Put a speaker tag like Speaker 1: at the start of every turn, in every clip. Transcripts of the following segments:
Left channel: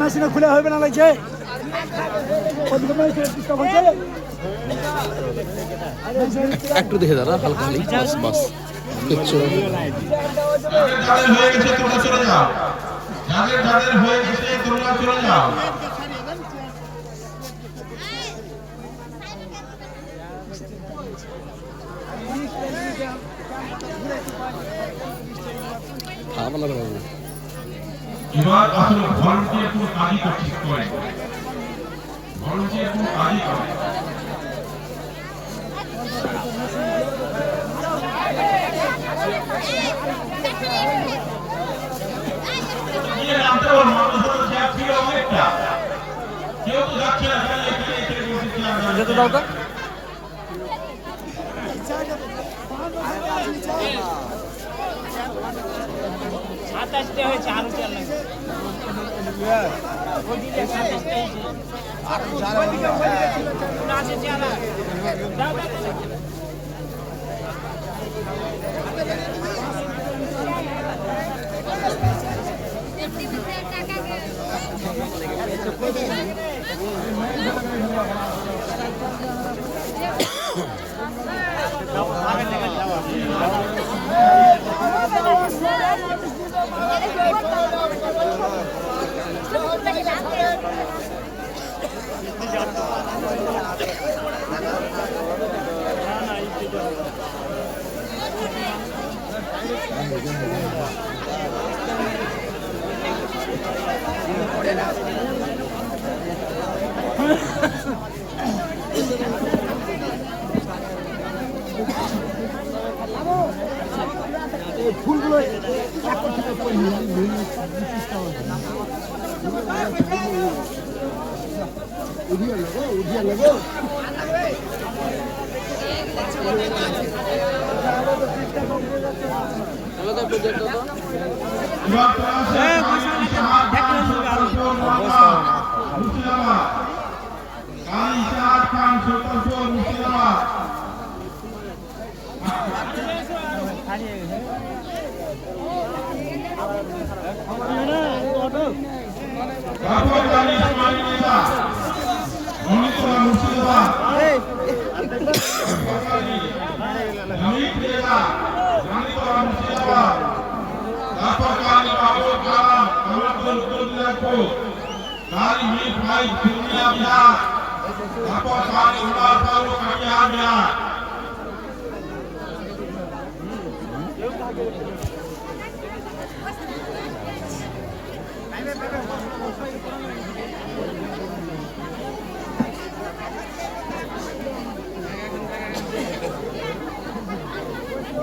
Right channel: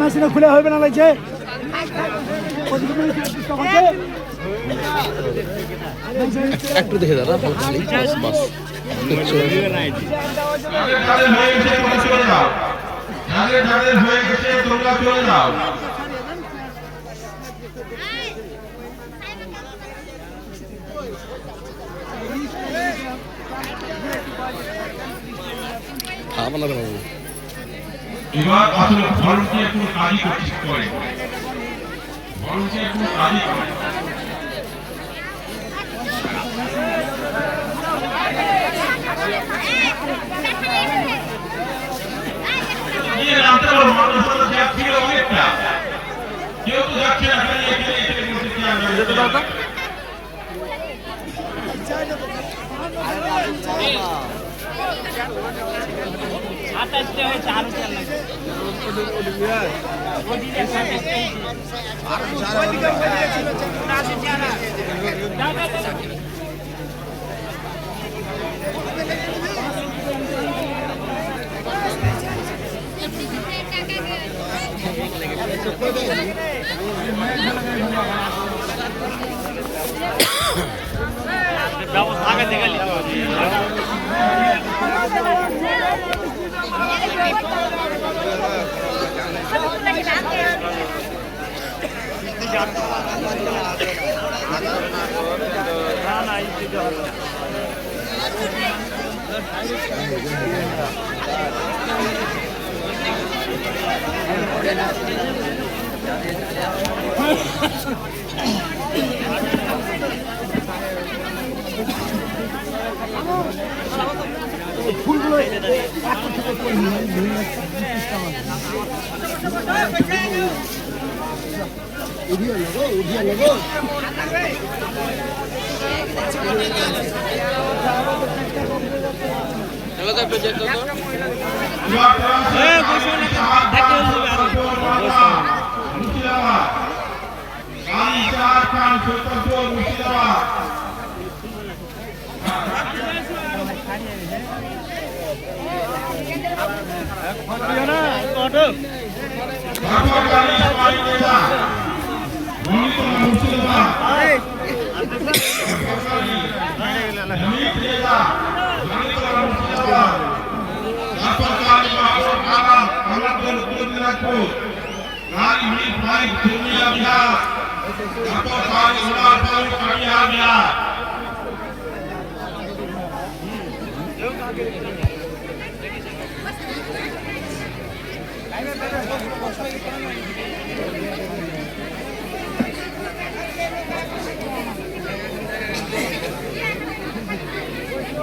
Speaker 1: মেশিনে খুলে হবে না লাগছে
Speaker 2: একটু দেখে দাঁড়া, হালকা হালি বাস বাস।
Speaker 3: হয়ে গেছে, তোমরা চলে যাও। যাদের যাদের হয়ে গেছে তোমরা চলে যাও
Speaker 2: খাব না রে বাবু
Speaker 3: এবার আসলে ভলান্টিয়ার কোনো কাজই করতে করে ভলান্টিয়ার কোনো কাজই করে না। নিয়ে নামতে পারো, মানুষ হয়তো জ্যাক ছিল অনেকটা। কেউ তো যাচ্ছে না, খালি এখানে এখানে বসে চেয়ার ধরে। দেশে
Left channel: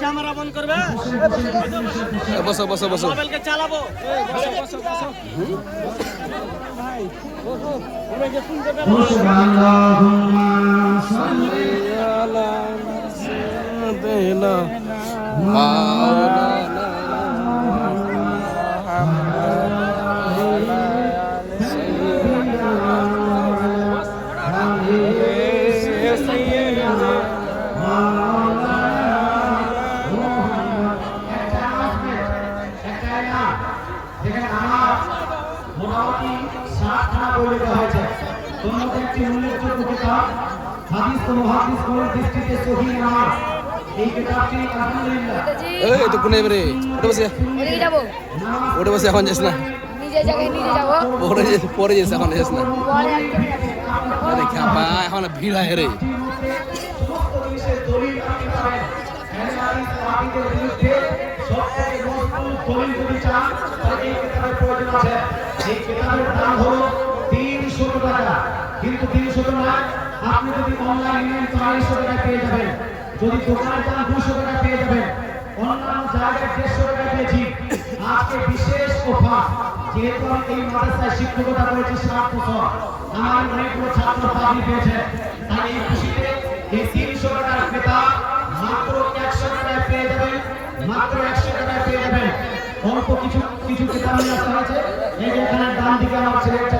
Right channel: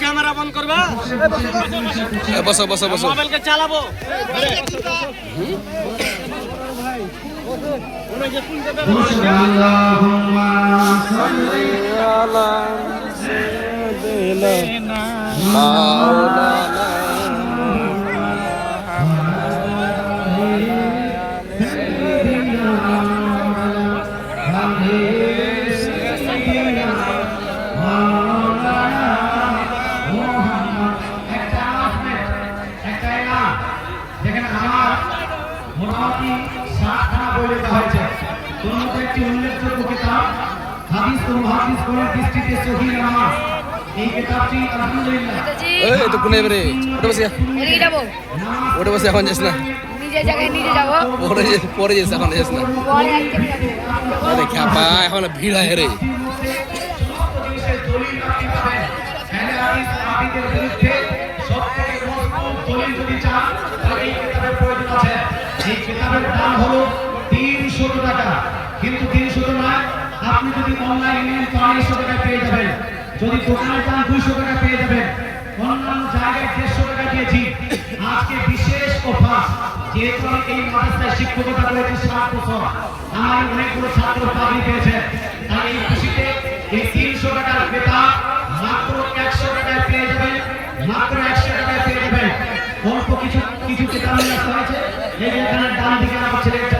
Speaker 4: ক্যামেরা বন্ধ করবে
Speaker 2: বসো বসো বসো
Speaker 4: চালাবো
Speaker 5: যেখানে একটি উল্লেখযোগ্য কিতাব হাদিস ও মুহাদ্দিস কোন দৃষ্টিতে সহিহ নামাজ এই
Speaker 2: তো কোনে এবারে? ওটা বসে
Speaker 6: ওদিকে যাব।
Speaker 2: ওটা বসে এখন যাস না।
Speaker 6: নিজে জায়গায় নিজে যাব।
Speaker 2: পরে যে- পরে যাস এখন যাস না। আরে খ্যাপা এখন ভিড় হয় রে।
Speaker 5: দলিল অনলাইন নেন চারশো টাকা পেয়ে যাবেন। যদি দোকানে যান দুশো টাকা পেয়ে যাবেন অন্যান্য জায়গায় দেড়শো টাকা দিয়েছি আজকে বিশেষ অফার, যেহেতু এই মাদ্রাসায় শিক্ষকতা করেছি সাত বছর, আমার অনেকগুলো ছাত্র চাকরি পেয়েছে। তাই এই খুশিতে এই তিনশো টাকার ক্রেতা মাত্র একশো টাকায় পেয়ে যাবেন, মাত্র একশো টাকায় পেয়ে যাবেন। অল্প কিছু কিছু আসা হয়েছে। এই এখানে ডান দিকে আমার ছেলেটা